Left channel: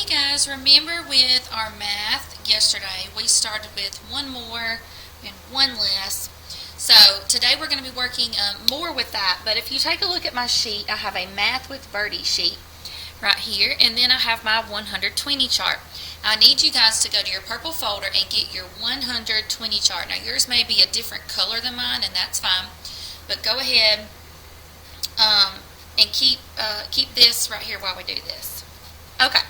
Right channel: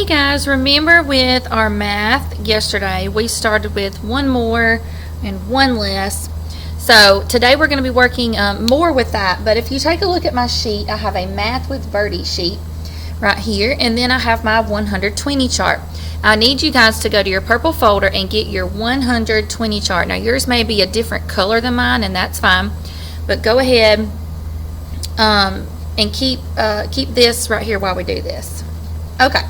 Hey guys, remember with our math yesterday we started with one more and one less. So today we're going to be working more with that, but if you take a look at my sheet, I have a math with Birdie sheet right here, and then I have my 120 chart. I need you guys to go to your purple folder and get your 120 chart. Now yours may be a different color than mine, and that's fine, but go ahead and keep this right here while we do this. Okay.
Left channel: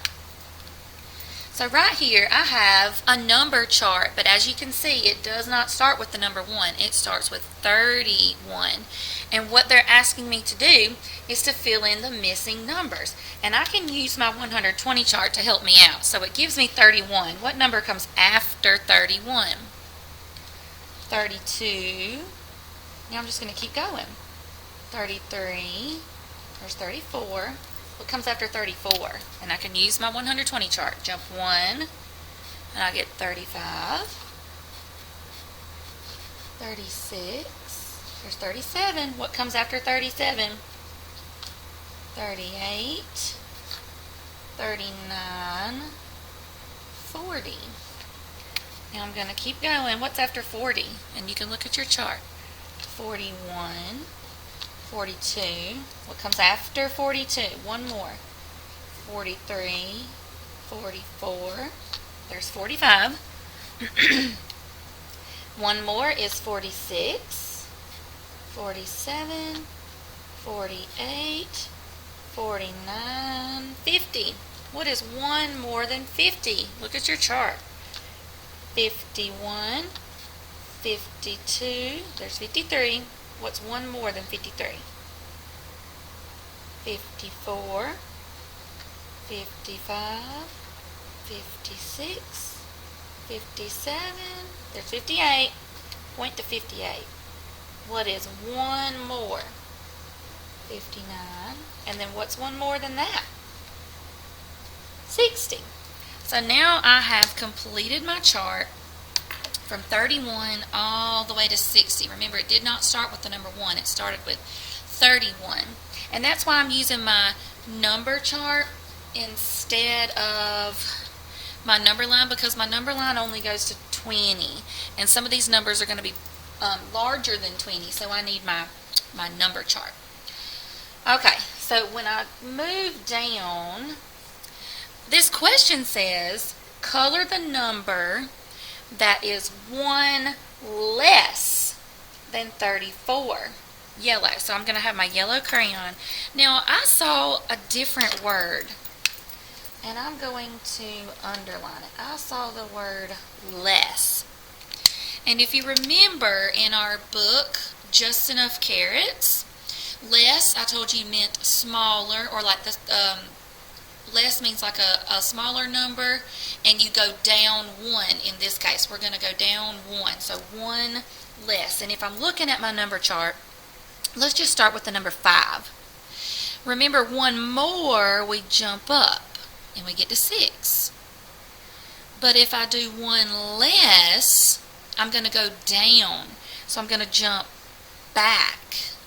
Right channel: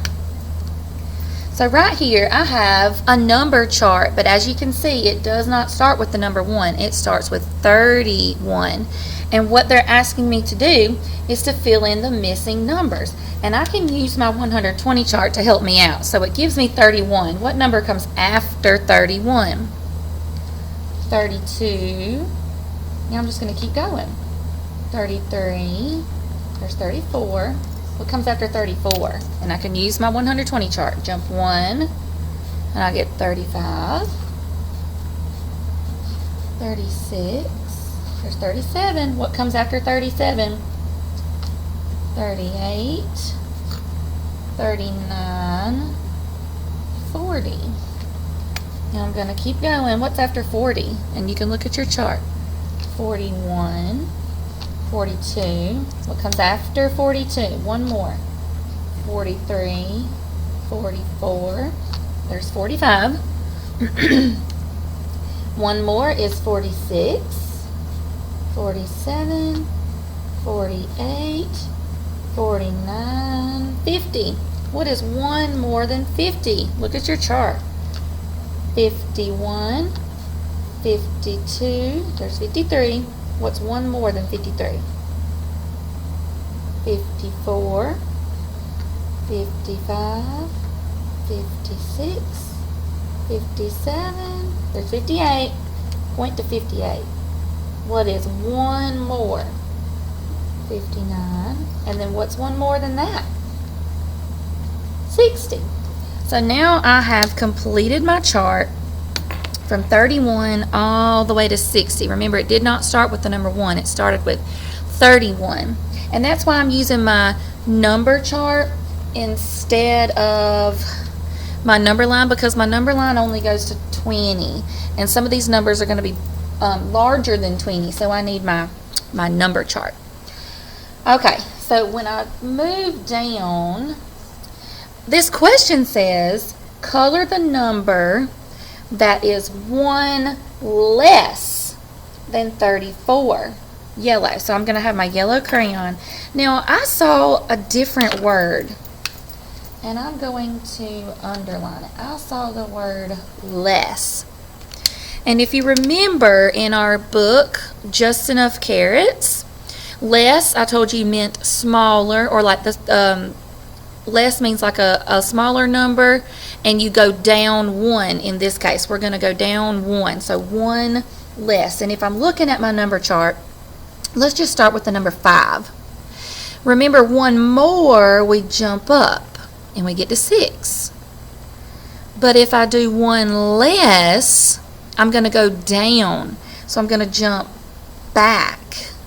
So right here I have a number chart, but as you can see it does not start with the number 1. It starts with 31. And what they're asking me to do is to fill in the missing numbers. And I can use my 120 chart to help me out. So it gives me 31. What number comes after 31? 32. Now I'm just going to keep going. 33. There's 34. What comes after 34? And I can use my 120 chart. Jump 1, and I get 35, 36, there's 37. What comes after 37? 38, 39, 40. Now I'm going to keep going. What's after 40? And you can look at your chart. 41, 42. What comes after 42? One more. 43, 44. There's 45. One more is 46, 47, 48, 49, 50. What is one more than 50? Look at your chart. 51, 52. There's 53. What's one more than 53? 54, 55, 56, 57. There's 58. Point to 58. What is one more? 59. And then what's one more than that? 60. So now I have completed my chart from 31 all the way to 60. Remember, it did not start with the number 1. It started with 31. And that's why I'm using my number chart instead of my number line, because my number line only goes to 20. And some of these numbers are going to be larger than 20, so I need my number chart. Okay, so when I move down, this question says, color the number that is 1 less than 34. Yellow. So I'm going to have my yellow crayon. Now I saw a different word, and I'm going to underline it. I saw the word less. And if you remember in our book, Just Enough Carrots, less, I told you, meant smaller, or like the less means like a smaller number, and you go down 1. In this case, we're going to go down 1. So 1 less. And if I'm looking at my number chart, let's just start with the number 5. Remember, 1 more, we jump up and we get to 6. But if I do 1 less, I'm going to go down. So I'm going to jump back.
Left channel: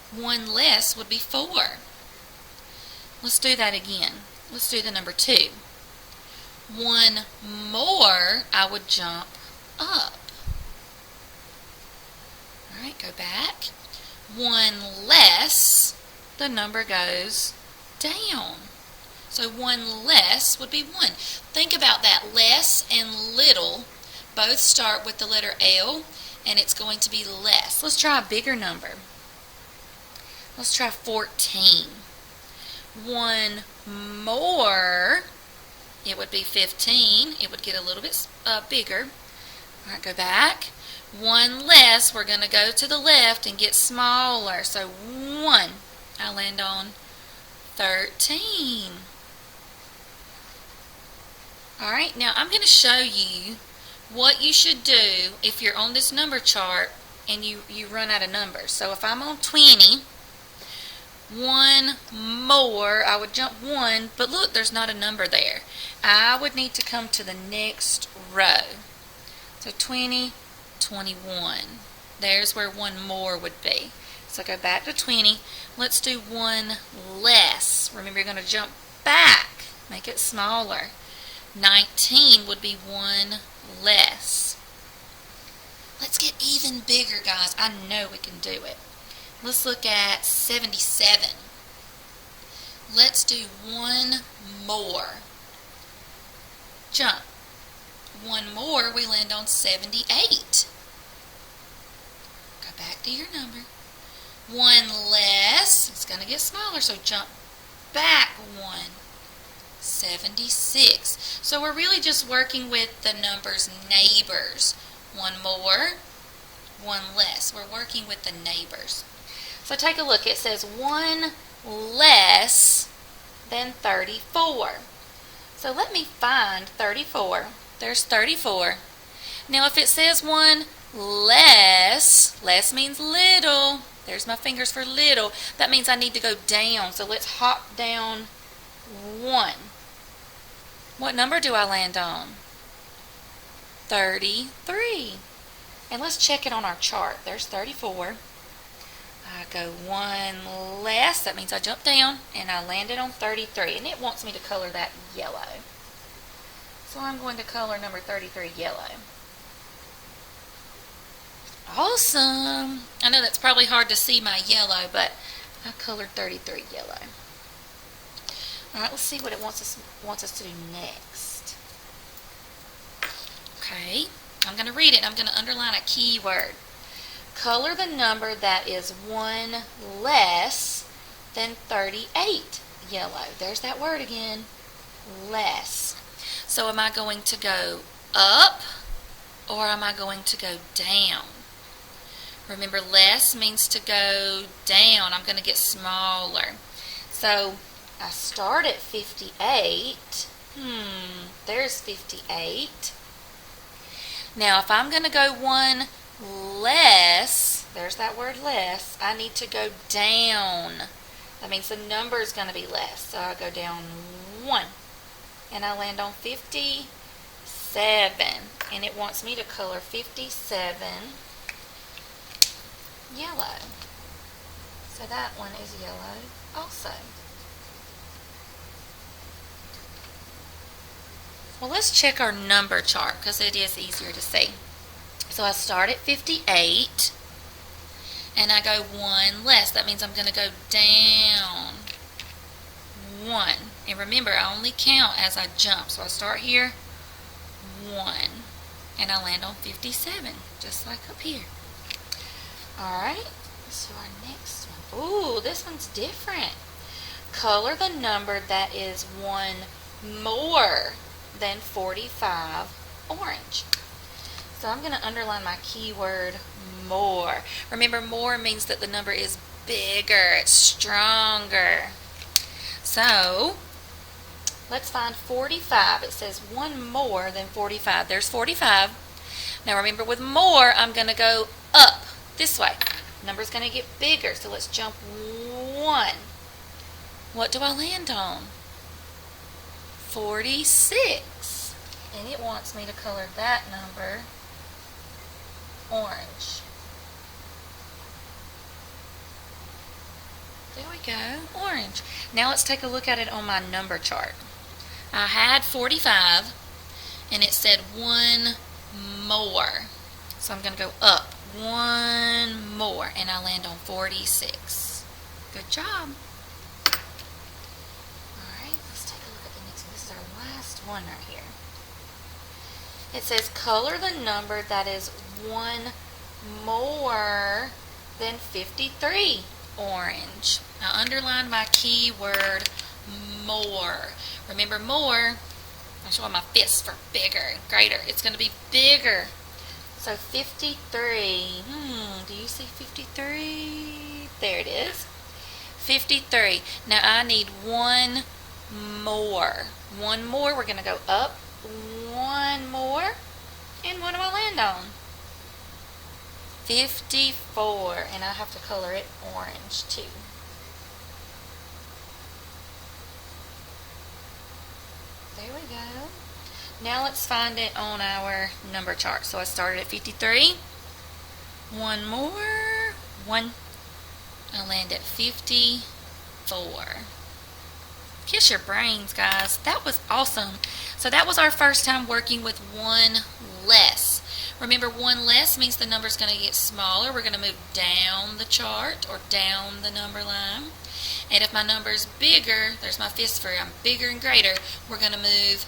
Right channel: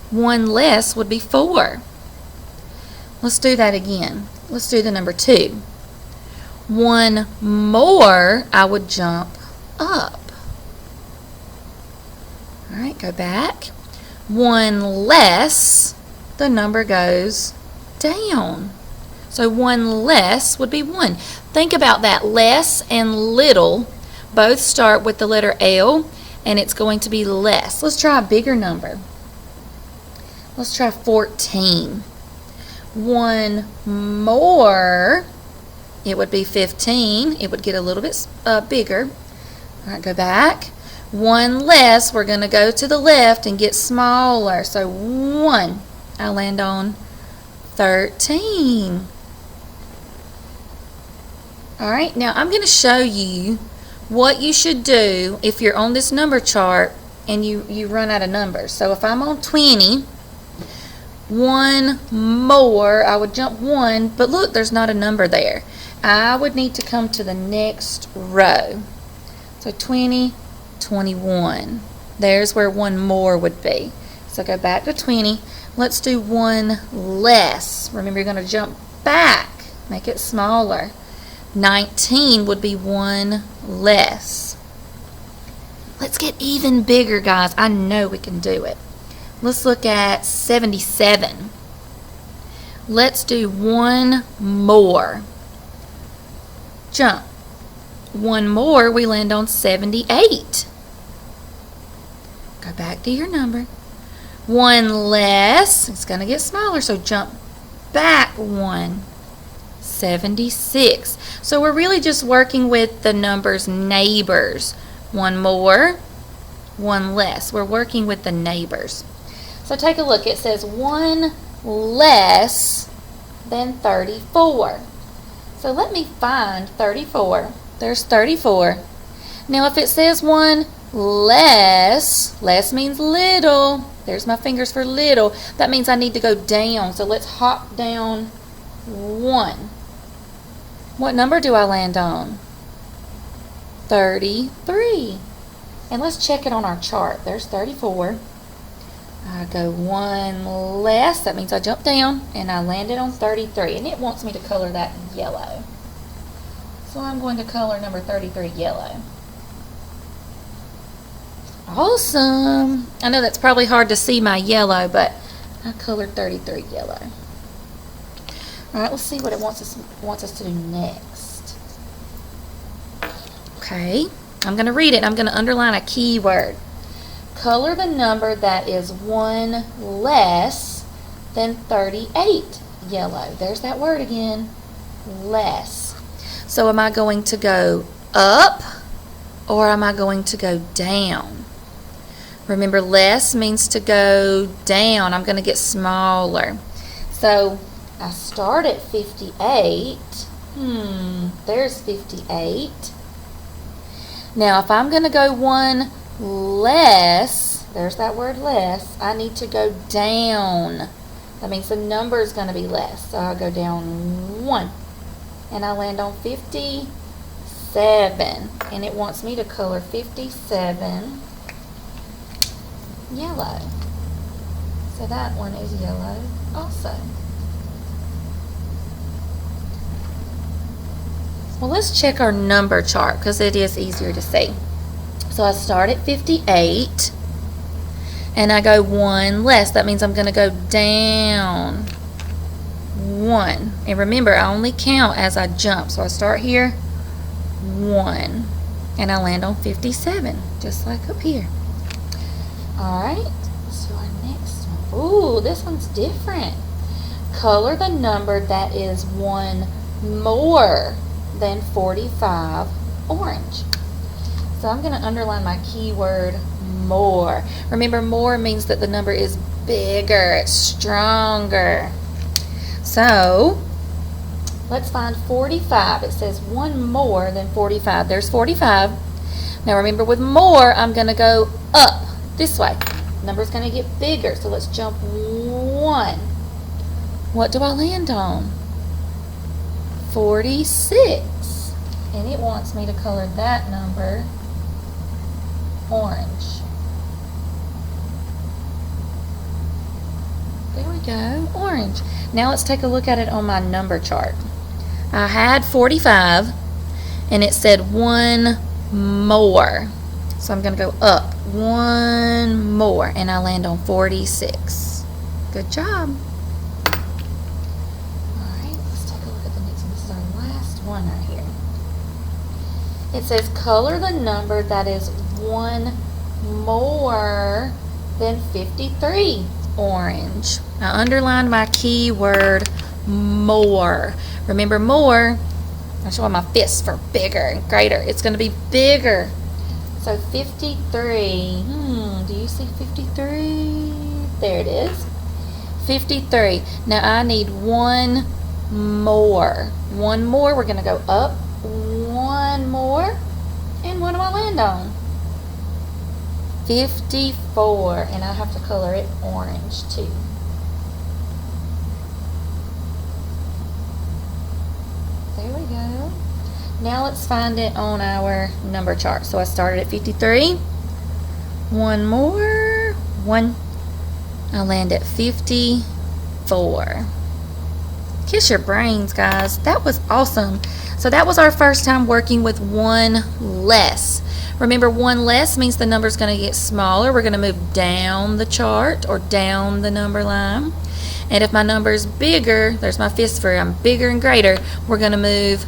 1 less would be 4. Let's do that again. Let's do the number 2. 1 more, I would jump up. All right, go back. 1 less, the number goes down. So 1 less would be 1. Think about that. Less and little both start with the letter L, and it's going to be less. Let's try a bigger number. Let's try 14. 1 more, it would be 15. It would get a little bit bigger. All right, go back. 1 less, we're going to go to the left and get smaller. So 1, I land on 13. All right, now I'm going to show you what you should do if you're on this number chart and you run out of numbers. So if I'm on 20, 1 more, I would jump 1, but look, there's not a number there. I would need to come to the next row. So 20, 21. There's where 1 more would be. So go back to 20. Let's do 1 less. Remember, you're going to jump back, make it smaller. 19 would be one less. Let's get even bigger, guys. I know we can do it. Let's look at 77. Let's do one more. Jump. One more, we land on 78. Go back to your number. One less, it's going to get smaller, so jump back one. 76. So we're really just working with the numbers neighbors. One more, one less. We're working with the neighbors. So take a look. It says one less than 34. So let me find 34. There's 34. Now if it says one less, less means little. There's my fingers for little. That means I need to go down. So let's hop down one. What number do I land on? 33. And let's check it on our chart. There's 34. I go one less. That means I jump down and I landed on 33. And it wants me to color that yellow. So I'm going to color number 33 yellow. Awesome. I know that's probably hard to see my yellow, but I colored 33 yellow. All right, let's see what it wants us to do next. Okay, I'm going to read it. I'm going to underline a key word. Color the number that is one less than 38 yellow. There's that word again, less. So am I going to go up or am I going to go down? Remember, less means to go down. I'm going to get smaller. So I start at 58. There's 58. Now if I'm going to go one less, there's that word less, I need to go down. That means the number is going to be less. So I'll go down one. And I land on 57. And it wants me to color 57 yellow. So that one is yellow also. Well, let's check our number chart because it is easier to see. So I start at 58 and I go one less. That means I'm going to go down one. And remember, I only count as I jump. So I start here, one, and I land on 57, just like up here. All right, so our next one. Ooh, this one's different. Color the number that is one more than 45 orange. So I'm going to underline my keyword more. Remember, more means that the number is bigger, it's stronger. So let's find 45. It says one more than 45. There's 45. Now remember, with more, I'm going to go up this way. Number's going to get bigger, so let's jump one. What do I land on? 46. And it wants me to color that number orange. There we go, orange. Now let's take a look at it on my number chart. I had 45 and it said one more. So I'm going to go up one more and I land on 46. Good job. Alright, let's take a look at the next one. This is our last one right here. It says color the number that is one more than 53. Orange. I underlined my keyword more. Remember, more, I'm showing my fist for bigger and greater. It's going to be bigger. So 53. Do you see 53? There it is. 53. Now I need one more. One more. We're going to go up one more. And what do I land on? 54, and I have to color it orange too. There we go. Now let's find it on our number chart. So I started at 53. One more. One. I land at 54. Kiss your brains, guys. That was awesome. So that was our first time working with one less. Remember, one less means the number's going to get smaller. We're going to move down the chart or down the number line. And if my number is bigger, there's my fist for I'm bigger and greater, we're going to move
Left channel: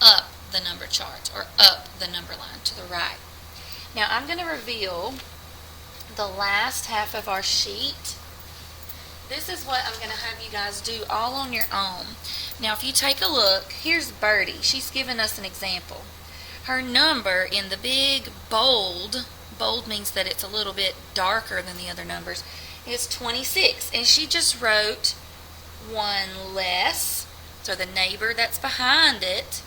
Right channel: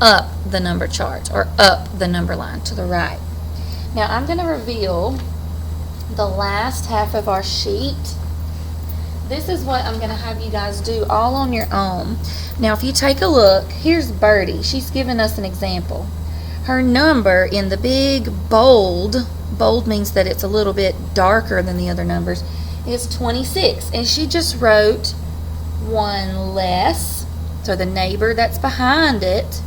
up the number chart or up the number line to the right. Now I'm going to reveal the last half of our sheet. This is what I'm going to have you guys do all on your own. Now if you take a look, here's Birdie. She's given us an example. Her number in the big bold means that it's a little bit darker than the other numbers, is 26. And she just wrote one less, so the neighbor that's behind it,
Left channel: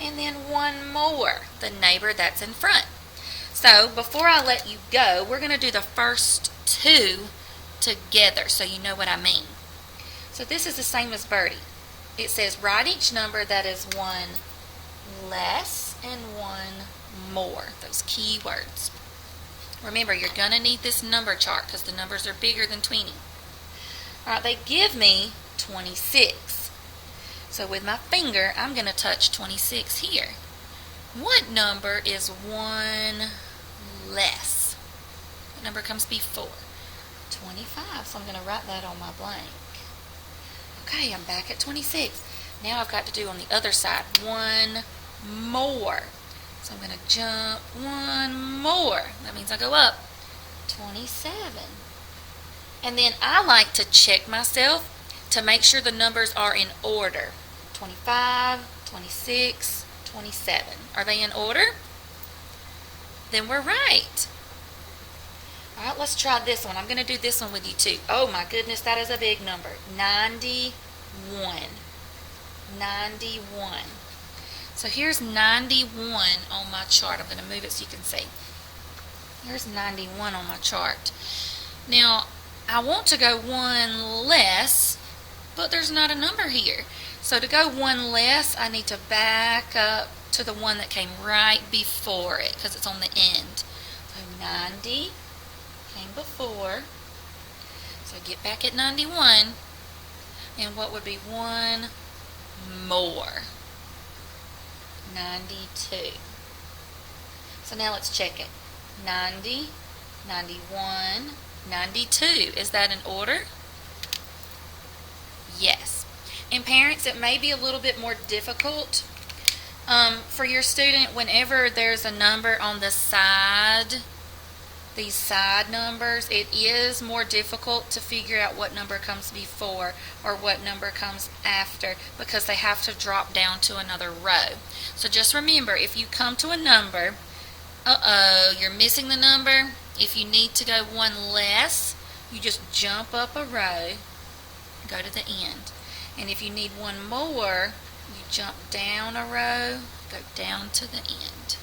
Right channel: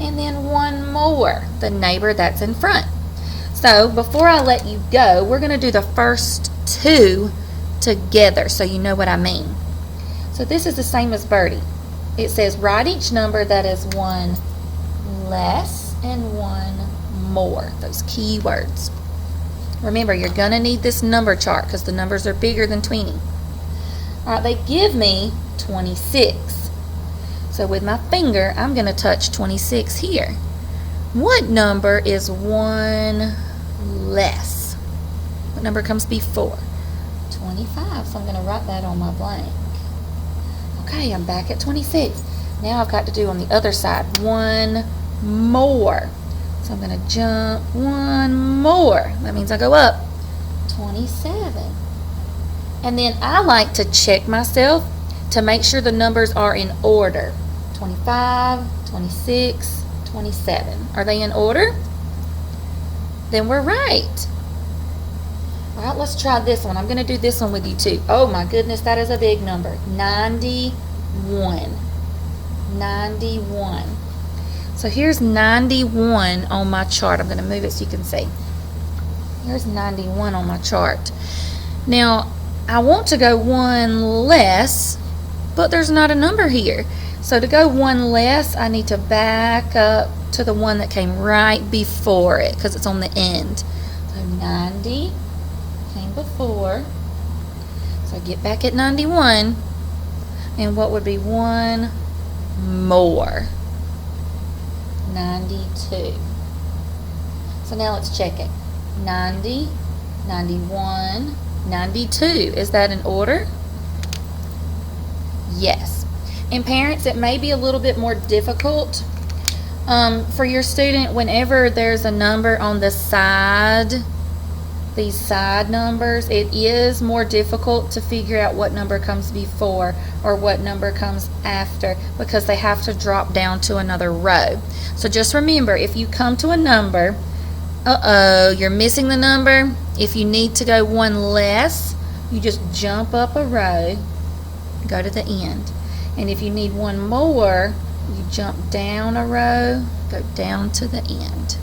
and then one more, the neighbor that's in front. So before I let you go, we're going to do the first two together so you know what I mean. So this is the same as Birdie. It says write each number that is one less and one more, those key words. Remember, you're going to need this number chart because the numbers are bigger than 20. All right, they give me 26. So with my finger, I'm going to touch 26 here. What number is one less? What number comes before? 25. So I'm going to write that on my blank. Okay, I'm back at 26. Now I've got to do on the other side one more. So I'm going to jump one more. That means I go up 27. And then I like to check myself to make sure the numbers are in order. 25, 26, 27. Are they in order? Then we're right. All right, let's try this one. I'm going to do this one with you too. Oh my goodness, that is a big number. 91. 91. So here's 91 on my chart. I'm going to move it so you can see. Here's 91 on my chart. Now, I want to go one less, but there's not a number here. So to go one less, I need to back up to the one that came right before it because it's on the end. So 90 came before. So get back at 91. And what would be one more? 92. So now let's check it. 90, 91, 92. Is that in order? Yes. And parents, it may be a little bit more difficult for your student whenever there's a number on the side, these side numbers, it is more difficult to figure out what number comes before or what number comes after because they have to drop down to another row. So just remember, if you come to a number, you're missing the number, if you need to go one less, you just jump up a row, go to the end. And if you need one more, you jump down a row, go down to the end.